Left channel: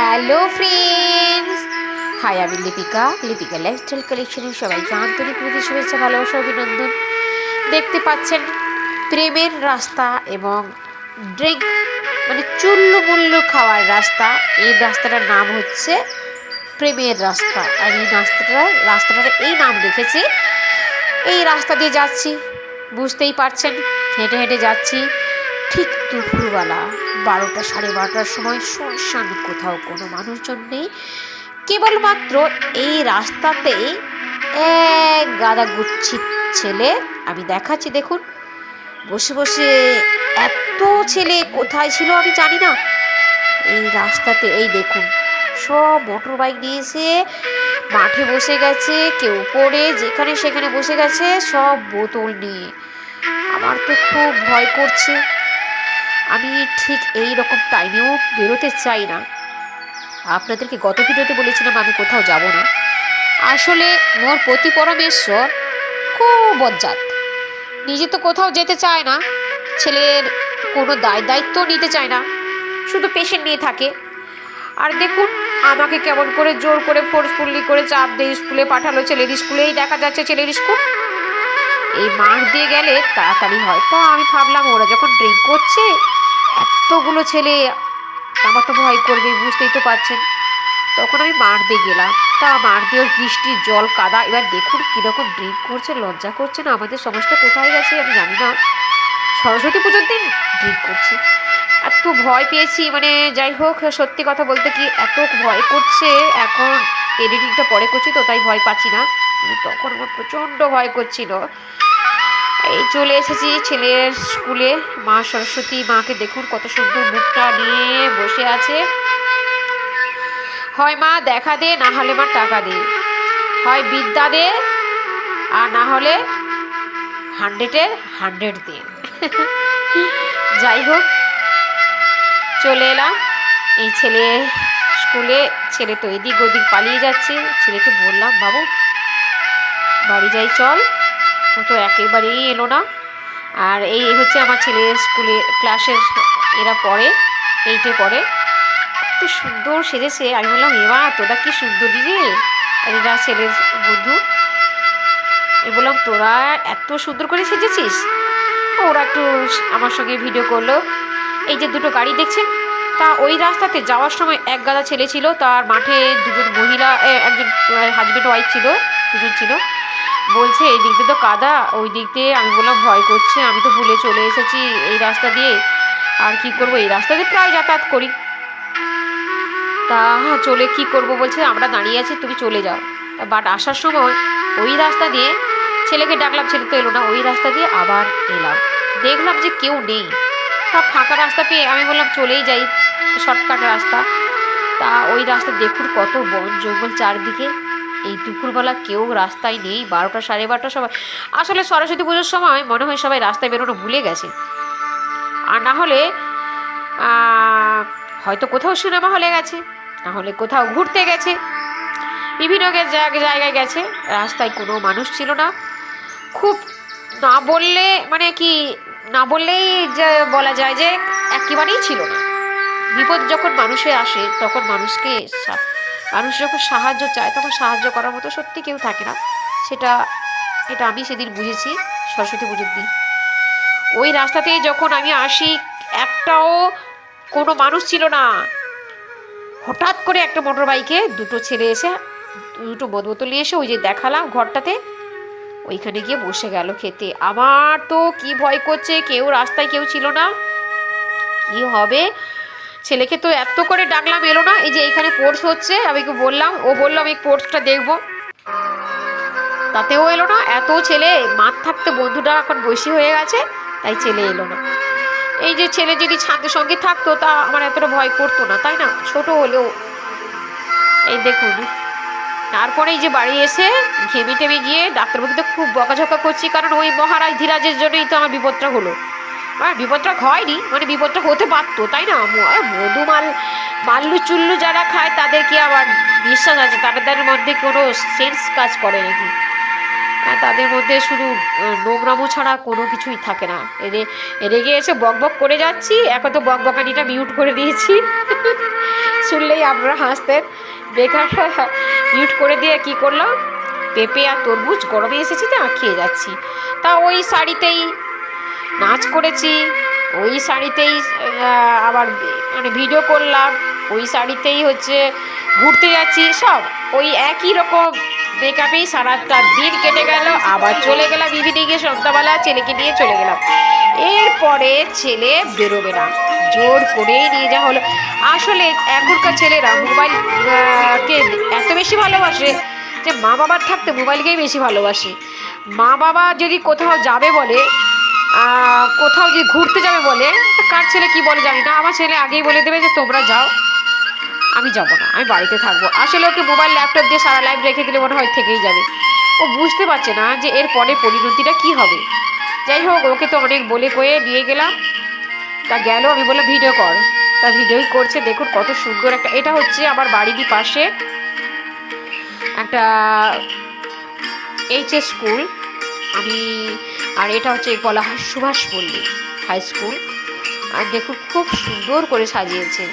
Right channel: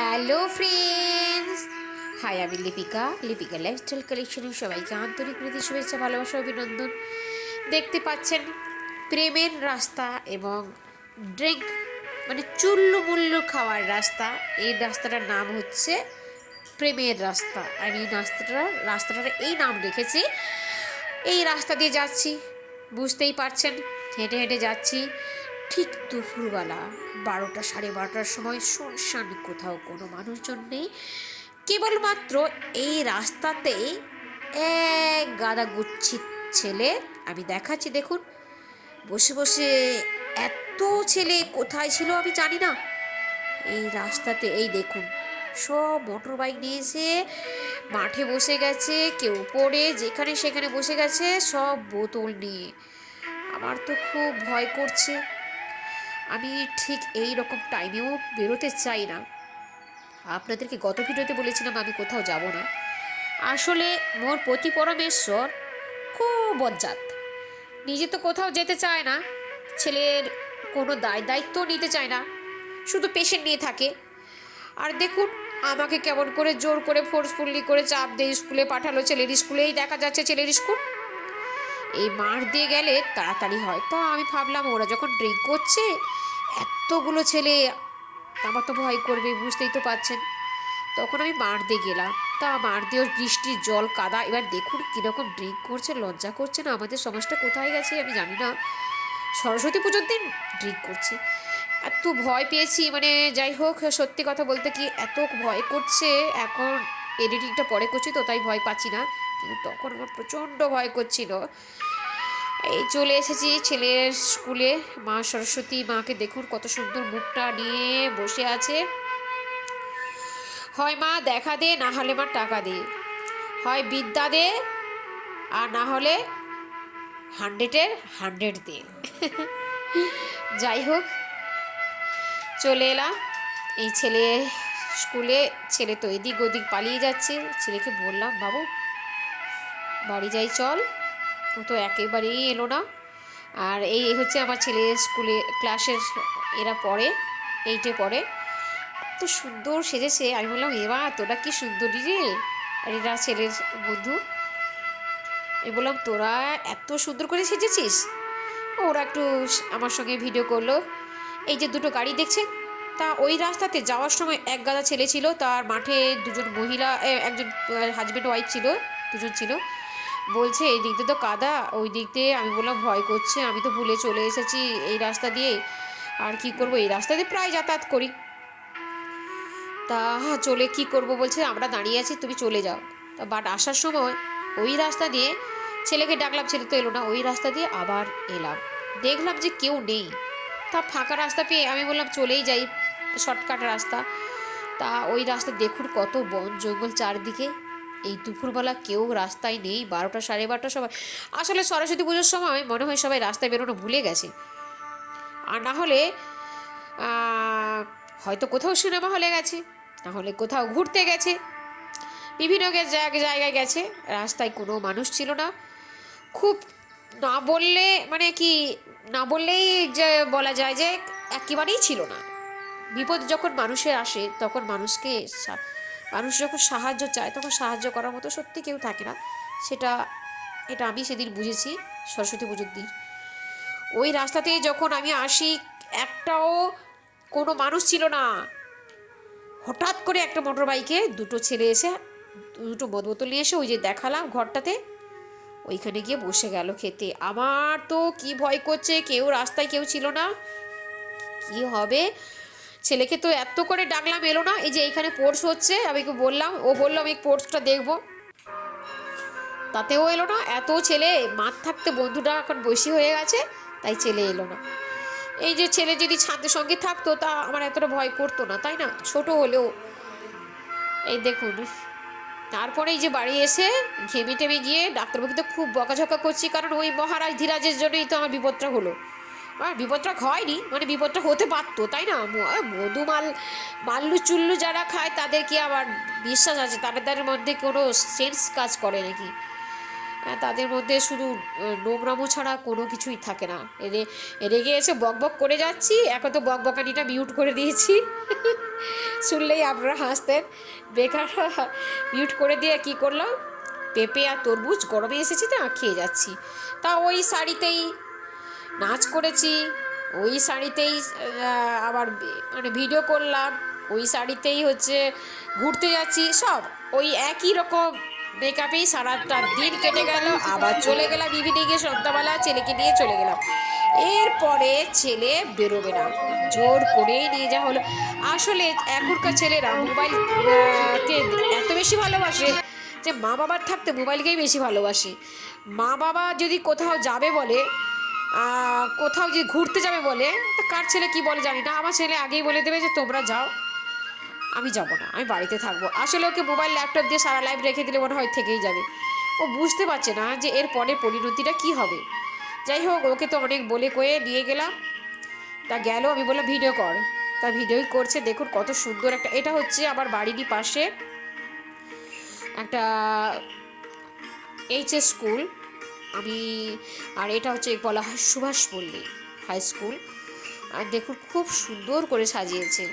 Hello friends, high, আমি Lipika lifestyle কালেকশনের সবাইকে আন্তরিক প্রীতি, শুভেচ্ছা, ভালোবাসা, অভিনন্দন। দেখতে পাচ্ছেন প্রেমের রাস্তা এবং ড্রিঙ্ক মানে চুল্লু মুল্লু খাওয়ার রাস্তা। এই রাস্তাটার নাম হচ্ছে প্রেমের রাস্তা। আর এই রাস্তাটার এই নাম রেখেছি। এই রাস্তা দিয়ে যাচ্ছি, বুঝতেই পারছেন, হেঁটে হেঁটে যাচ্ছি। ঠিক দুপুরবেলা 12টা 12:30টার সময়, শুনশান কোথাও কোনো মানুষজন নেই। কেবলমাত্র এই রাস্তাতেই এক গাদা গুচ্ছিত ছেলে আমি দেখাচ্ছি, দেখুন, বসে বসে। এত ছেলে কোথায় ছিল আমি জানি না। এই রাস্তাতে এই দেখুন, সব মোটর বাইক নিয়ে এসে মাঠে বসে গেছে, কেউ পড়ে যেখানে সেখানে বসে গেছে, সব বোতল নিয়ে। আমার তো খুব ভয় করছে। আমি ঠিক এই রকম টাইমেও বেরোতে চাই না। আপনাদেরকে গত ভিডিওতে বলেছিলাম আমি কোথাও যাব না। আসলে মোর পতি পরমেশ্বর খুব বজ্জাত, নিজে তো কোথাও যেতে চায় না, ছেলের কোনো দায়িত্ব নিতে চায় না, শুধু পেশেন্ট নিয়ে থাকে। আর দেখুন, আমাকে কেমন করে জোর করে ফোর্সফুলি করে চাপ দিয়ে স্কুলে পাঠালো, ছেলের স্কুলেই দেখা যাচ্ছে ছেলের স্কুল। এই মাঠ দিয়ে গেলে তাড়াতাড়ি হয়। তো আমি ভাবলাম ওরা যখন ড্রিঙ্ক করছে, এতগুলো ছেলে, আমার তো ভয় করবে, বুঝতেই তো পারছেন। তখন আমি মাঠ দিয়ে গেলাম। তা মাঠ দিয়ে বৃষ্টির জল কাদা। এবার দেখুন কীরকম ড্রিঙ্ক করছে, লজ্জা করছে না? আমাদের সমাজটা কোথায় গেছে আমি জানি না। সরস্বতী পুজোর দিন ড্রিঙ্ক করছে। এত ভয় পেয়েছি, মানে যাই হোক, সত্যি কথা বলতে কি এত ভয় করছে। এখন এডিটিংটা পরে করছি তো তাই ভয় পাচ্ছি না, কিন্তু তখন আমার প্রচণ্ড ভয় করছিল। এই চলে এসেছি ছেলের স্কুলে। মা সরস্বতী মাকে দেখুন কত সুন্দর মুখটা নিয়ে বসে আছে। হয় মা দেখা দে, না হলে মা টাকা দে, হয় বিদ্যা দে, আর না হলে 100-এর 100 দে। যাই হোক, চলে এলাম এই ছেলে স্কুলে। ছেলে তো এদিক ওদিক পালিয়ে যাচ্ছে। ছেলেকে বললাম, বাবু বাড়ি যাই চল। ও তো একেবারেই এলো না। আর এই হচ্ছে আমার ছেলের স্কুলে ক্লাসের, এরা পড়ে, 8-এ পড়ে। এত সুন্দর সেজেছে। আমি বললাম, এবার তোরা কি সুন্দরী রে। আর এরা ছেলের বন্ধু। আমি বললাম, তোরা এত সুন্দর করে সেজেছিস। ওরা একটু আমার সঙ্গে ভিডিও করলো। এই যে দুটো গাড়ি দেখছেন, তা ওই রাস্তাতে যাওয়ার সময় এক গাদা ছেলে ছিল, তার মাঠে দুজন মহিলা, একজন হাজব্যান্ড ওয়াইফ ছিল, দুজন ছিল। বলছে এই দিক দিয়ে তো কাদা, ওই দিক দিয়ে। আমি বললাম, ভয় করছে, আমি তো ভুলে চলে এসেছি এই রাস্তা দিয়ে, আর কি করব, এই রাস্তা দিয়ে প্রায় যাতায়াত করি। তা চলে কি করব, বলছে আমরা দাঁড়িয়ে আছি, তুমি চলে যাও। বাট আসার সময় ওই রাস্তা দিয়ে ছেলেকে ডাকলাম, ছেলে তো এলো না। ওই রাস্তা দিয়ে আবার এলাম, দেখলাম যে কেউ নেই। তা ফাঁকা রাস্তা পেয়ে আমি বললাম চলেই যাই, শর্টকাট রাস্তা। তা ওই রাস্তা দেখুন কত বন জঙ্গল চারদিকে। এই দুপুরবেলা কেউ রাস্তায় নেই। 12টা 12:30 সময়। আসলে সরস্বতী পুজোর সময় মনে হয় সবাই রাস্তায় বেরোনো ভুলে গেছে। আর না হলে হয়তো কোথাও সিনেমা হলে গেছে, না হলে কোথাও ঘুরতে গেছে, বিভিন্ন জায়গায় গেছে। রাস্তায় কোনো মানুষ ছিল না। খুব না বললে মানে কি, না বললেই যে বলা যায় যে একেবারেই ছিল না। বিপদ যখন মানুষে আসে তখন মানুষ যখন সাহায্য চায় তখন সাহায্য করার মতো সত্যি কেউ থাকে না। এটা আমি সেদিন বুঝেছি সরস্বতী পুজোর দিন। ওই রাস্তাতেই যখন আমি আসি, একটাও কোনো মানুষ ছিল না। হঠাৎ করে একটা মোটর বাইকে দুটো ছেলে এসে দুটো বোতল নিয়ে এসে ওই যে দেখালাম ঘরটাতে, ওইখানে গিয়ে বসে গেল খেতে। আমার তো কি ভয় করছে, রাস্তায় কেউ ছিল না, কি হবে। ছেলেকে তো এত করে ডাকলাম, এলো না। এই যে এইখানে কোর্স হচ্ছে, আমি বললাম, ও বললো আমি কোর্সটা দেখবো, তাতেও এলো না। এত ছেলে, মাঠ থাকতে বন্ধুটা এখন বসে হয়ে গেছে, তাই ছেলে এলো না। এই যে ছেলে যদি ছাদের সঙ্গে থাকতো তা আমার এতটা ভয় করতো না, তাই না, ছোট হলেও। এই দেখুন, তারপরে এই যে বাড়ি এসে ঘেমে টেমে গিয়ে ডাক্তারবাবুকে তো খুব বকাঝকা করছি, কারণ ওই মহারাজ ধীরাজের জন্যই তো আমার বিপদটা হলো। বিপদটা হয়নি, মানে বিপদটা হতে পারতো, তাই না। মধু মাল্লু চুল্লু যারা খায় তাদের কি আবার বিশ্বাস আছে, তাদের মধ্যে কোনো সেন্স কাজ করে নাকি। তাদের মধ্যে শুধু নোংরামো ছাড়া কোনো কিছুই থাকে না। রেগে এসে বক বক করে যাচ্ছি, এখন তো বক বকানিটা মিউট করে দিয়েছি। শুনলেই আপনারা হাসতেন। বেকার মিউট করে দিয়ে কি করলাম, পেঁপে আর তরমুজ গরমে এসেছে তো খেয়ে যাচ্ছি। তা ওই শাড়িতেই নাচ করেছি, ওই শাড়িতেই আবার মানে ভিডিও করলাম, ওই শাড়িতেই হচ্ছে ঘুরতে যাচ্ছি, সব ওই একই রকম মেকআপেই সারাটা দিন কেটে গেল। আবার চলে গেলাম ইভিনিংয়ে, সন্ধ্যাবেলা ছেলেকে নিয়ে চলে গেলাম। এরপরে ছেলে বেরোবে না, জোর করেই নিয়ে যাওয়া হলো। আসলে এখনকার ছেলেরা মোবাইল কে এত বেশি ভালোবাসে যে মা বাবার থাকতে মোবাইলকেই বেশি ভালোবাসে। মা বাবা যদি কোথাও যাবে বলে, কোথাও যদি ঘুরতে যাবে বলে, কার ছেলে কি বলে জানি না, আমার ছেলে আগেই বলে দেবে যে তোমরা যাও, আমি যাবো না, আমি বাড়িতে থাকবো। আসলে ওকে মোবাইল ল্যাপটপ দিয়ে সারা লাইফ রেখে দিলে মনে হয় থেকেই যাবে। ও বুঝতে পারছে না যে এর পরে পরিণতিটা কি হবে। যাই হোক, ওকে তো অনেক বলে কয়ে নিয়ে গেলাম। তা গেল, আমি বললাম ভিডিও কর, তা ভিডিওই করছে। দেখুন কত সুন্দর একটা, এটা হচ্ছে আমার বাড়িরই পাশে একটা এইচএস স্কুল। আর এটা হচ্ছে বলা হয় সুভাষ পল্লী হাই স্কুল। আর দেখুন খুব সুন্দর করে সাজিয়েছে।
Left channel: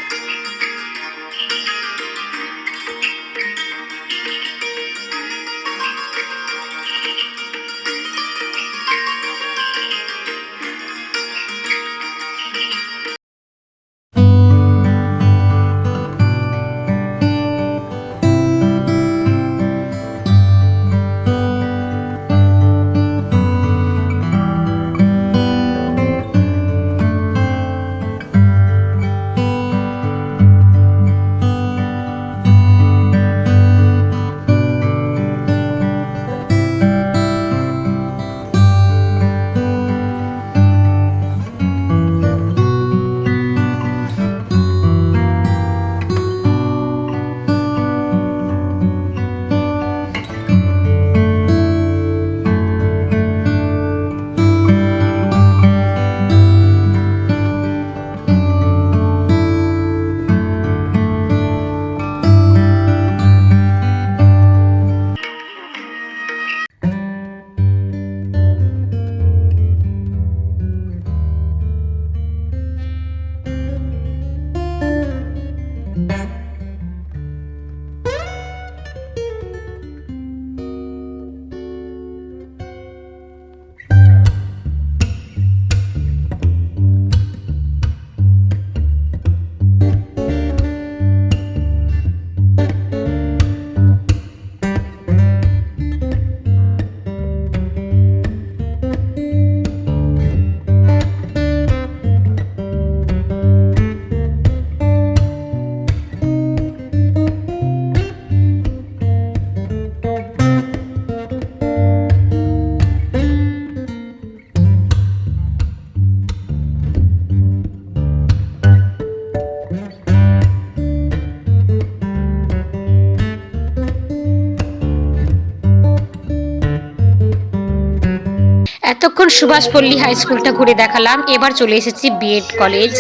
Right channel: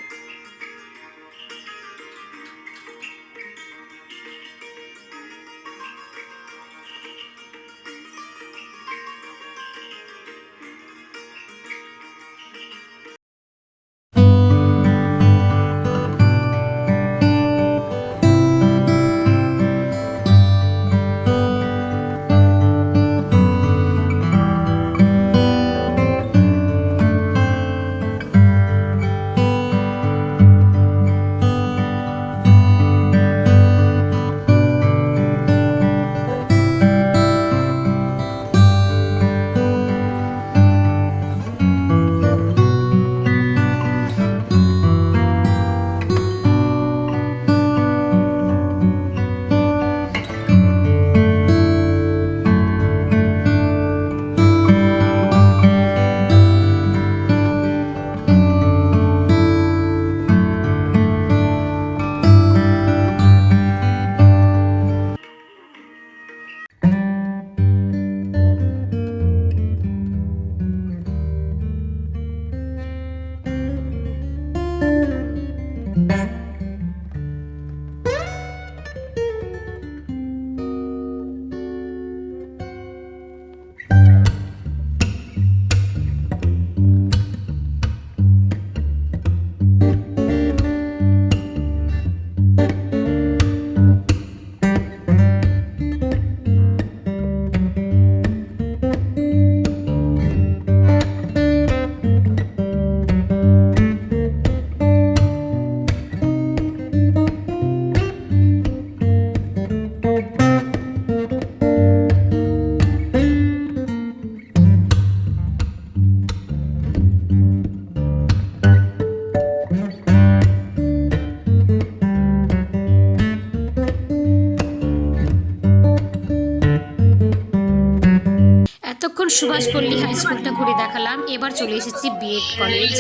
এতক্ষণ সুভাষপল্লী হাই স্কুলটা ঘুরে দেখালাম, এবার চলে এসেছি বিএড কলেজ।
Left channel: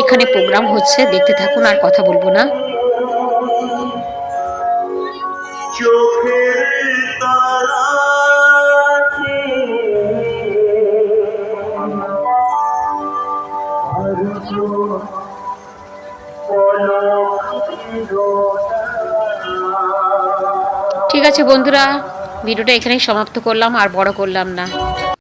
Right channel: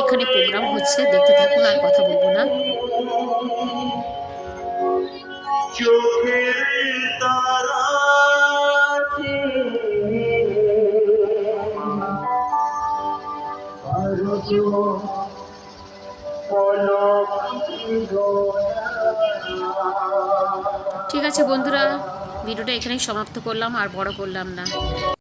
এখানে প্রোগ্রাম হচ্ছে, দেখতে থাকুন, আর কথা বলবো না। ঠিক আছে বন্ধুরা, ভিডিওটা এখানেই সমাপ্ত করলাম, আর বড় করলাম না।